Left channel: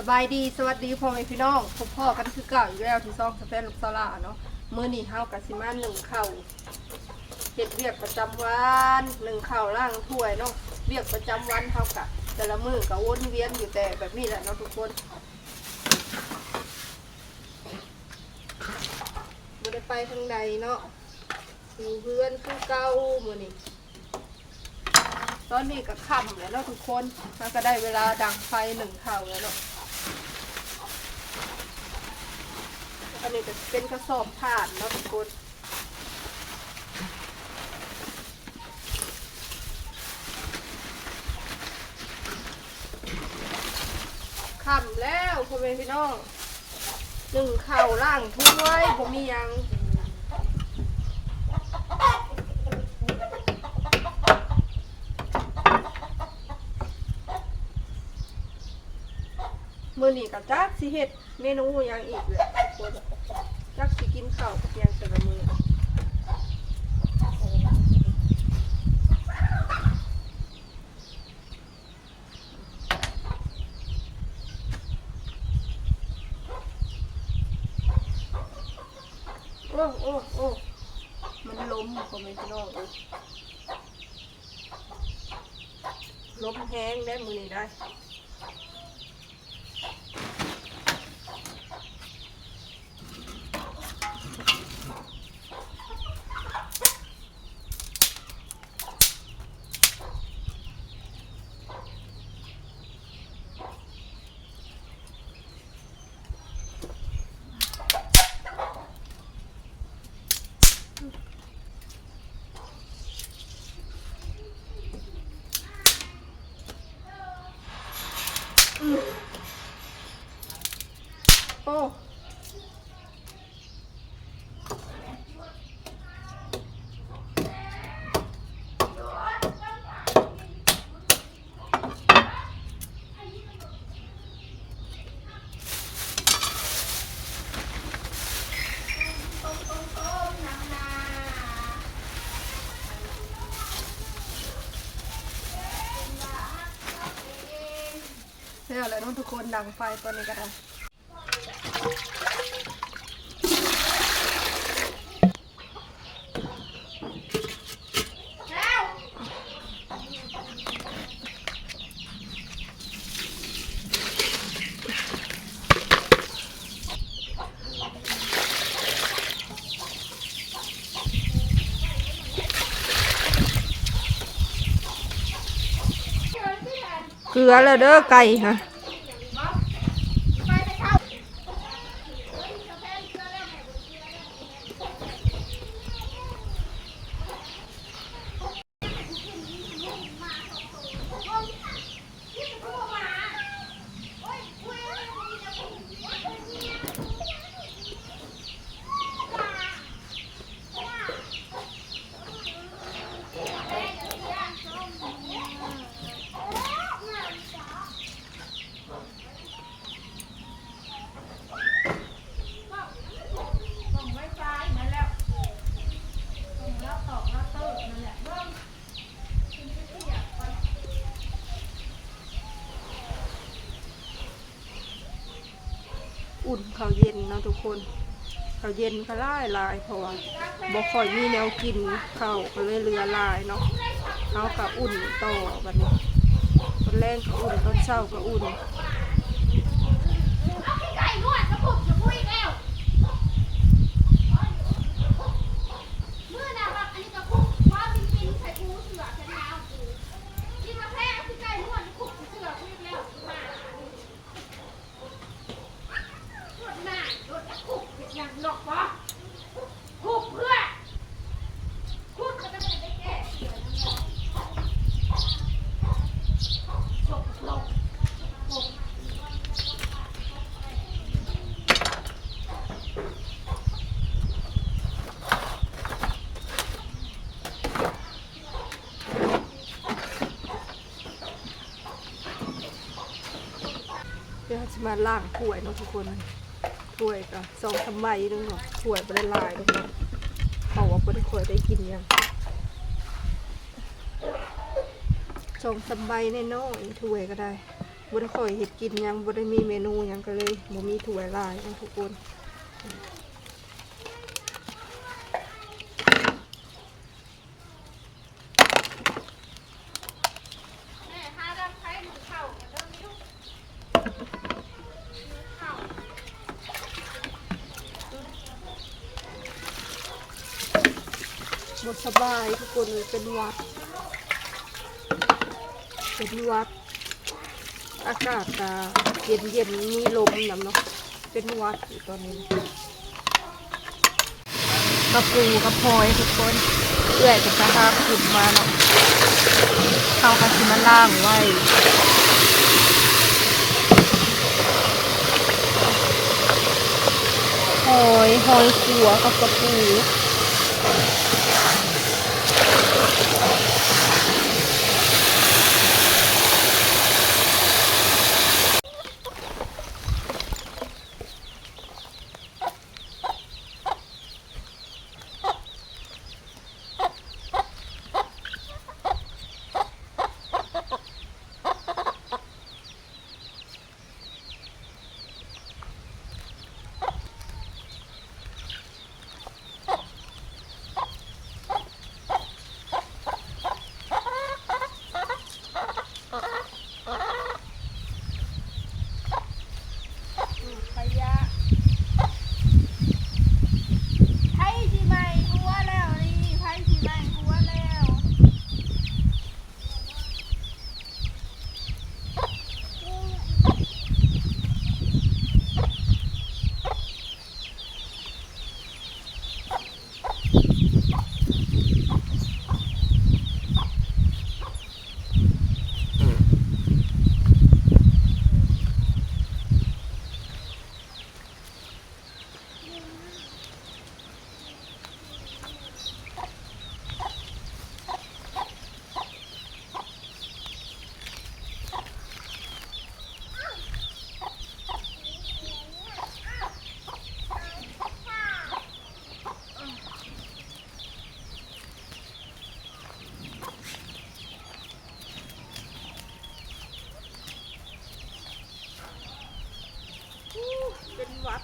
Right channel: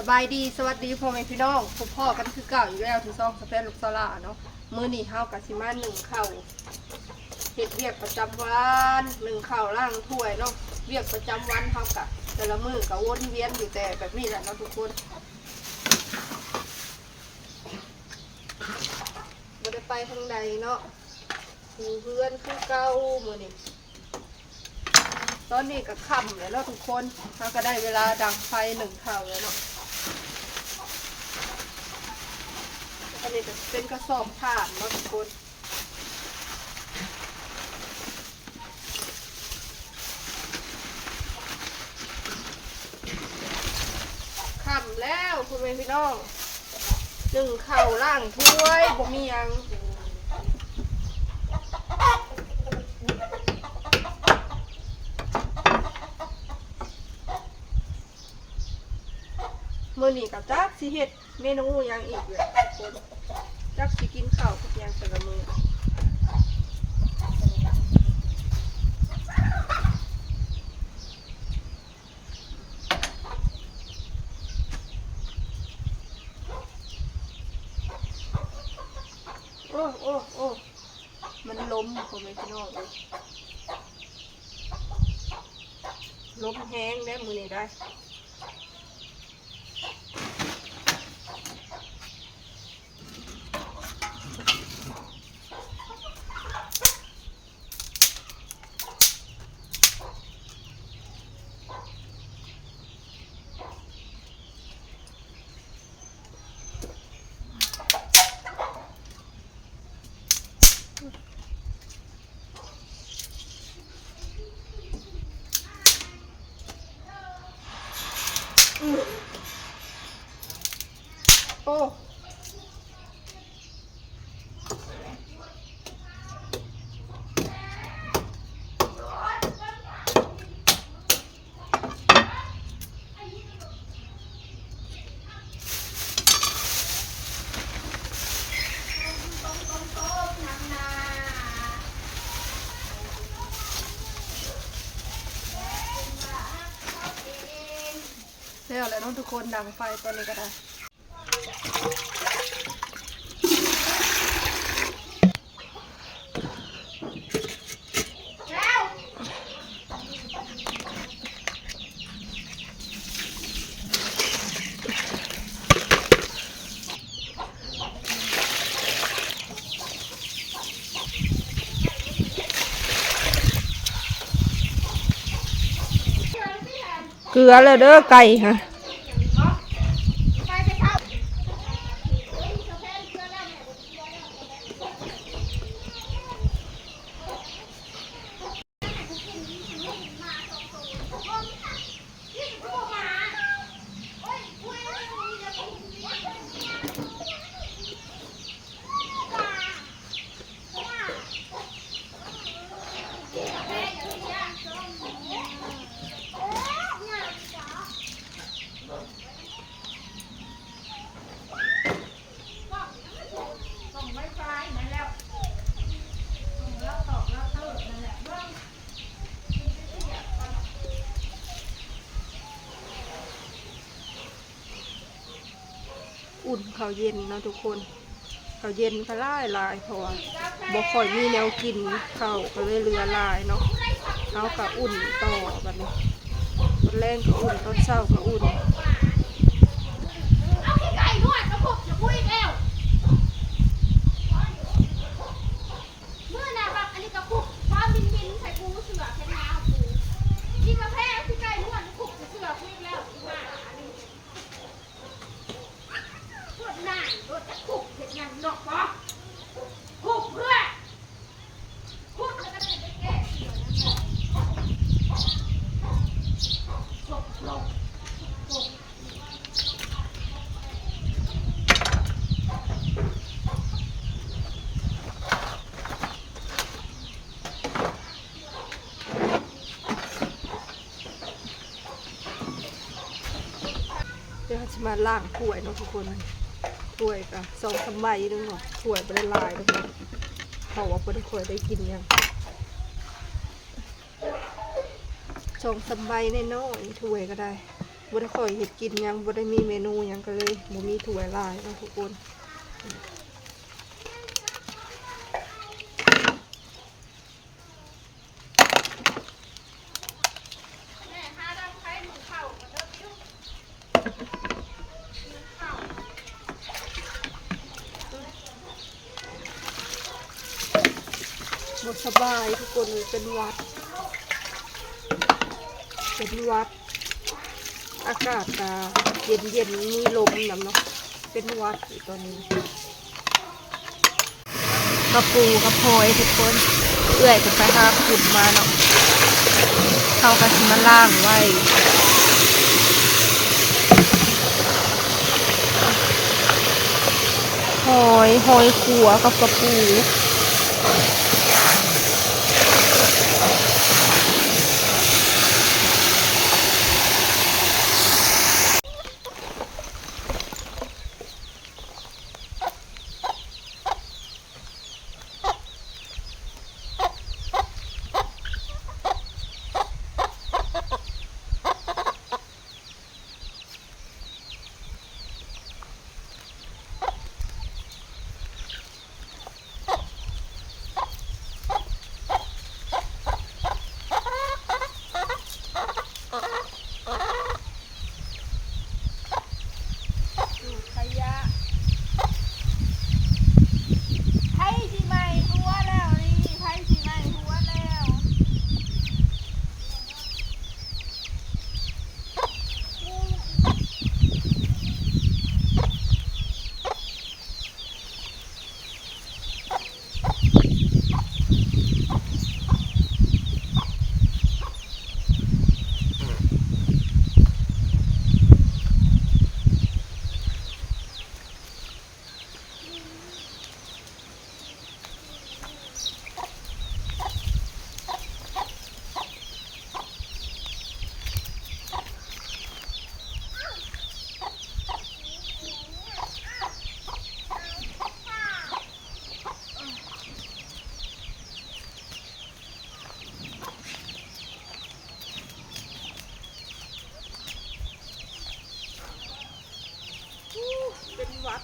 สบายดีสวัสดีพ่อแม่พี่น้องพบพ่อกันคือเก่าอีกแล้วที่ซ่องสเปนลูกซาลาเนาะมื้อนี้เฮากับสิมาหนึ่งข้าวเฮ็ดเวียกประจำวันหนึ่งข้าวล่างถ้วยเนาะเวียกประจำวันเฮากะแต่ละมื้อก็วนเวียนอยู่แต่แบบนี้แหละเนาะทุกคนบ่ได้ไปทางใดเนาะอยู่เพื่อนคือเก่ามื้อนี้ตอนนี้ก็ค่ำแล้วเนาะทุกคนเฮาก็ได้เวลาดังไฟหนึ่งข้าวแล้วเนาะอันนี้จะเป็นกระสอบผ่านเนาะทุกคนค่ำแล้วคุณพี่น้องหนึ่งข้าวล่างถ้วยบ่มียังมื้อนี้ก็จักสิเฮ็ดเมนูยังอีกเลยทุกคนจักสิกินข้าวกับยังแต่ละมื้อโอ้มันล้มคุณพี่น้องเลยล้มแห้งได้มื้อนี้ได้โอ้แล้วแหละน้องทุกคนดังไฟตอนนี้ก็ได้เกลือแล้วเด้อไก่ฮะอุ่นข้าวเย็นเนาะทุกคนข้าวเย็นก็ลายเพราะว่าบ่ค่อยมีแนวกินข้าวก็เลยเรือลายเนาะเขาก็อุ่นต่อแบบนี้ตอนแรกก็อุ่นตอนเช้าก็อุ่นเดี๋ยวจะมาล่างถ้วยเนาะทุกคนถ้วยก็2-3 ใบนึงเนาะถ้วยไม่ได้ลายทุกคนเขาว่าไม่ได้ค่อยได้กินยัง2-3 ใบน้อยๆถ้วยก็ได้ บ่ได้ค่อยเฮ็ดกินหยังบ่ได้มีเมนูหยังก็เลยบ่มีถ้วยหลายเนาะทุกคนบ่สบายทุกคนเลยเป็นหวัดอากาศเย็นมีลมนำเนาะเป็นหวัดอยู่ตอนนี้กระปูกระพลอยทุกคนเอื้อยเป็นไปหาขุดมาเนาะเข้ากะสิมาล่างไว้หอยขัวกับกระปูขยะไผ่ที่ใหม่หัวแล้วนี่ไผ่ที่ใหม่หัวแล้วเป็นวัด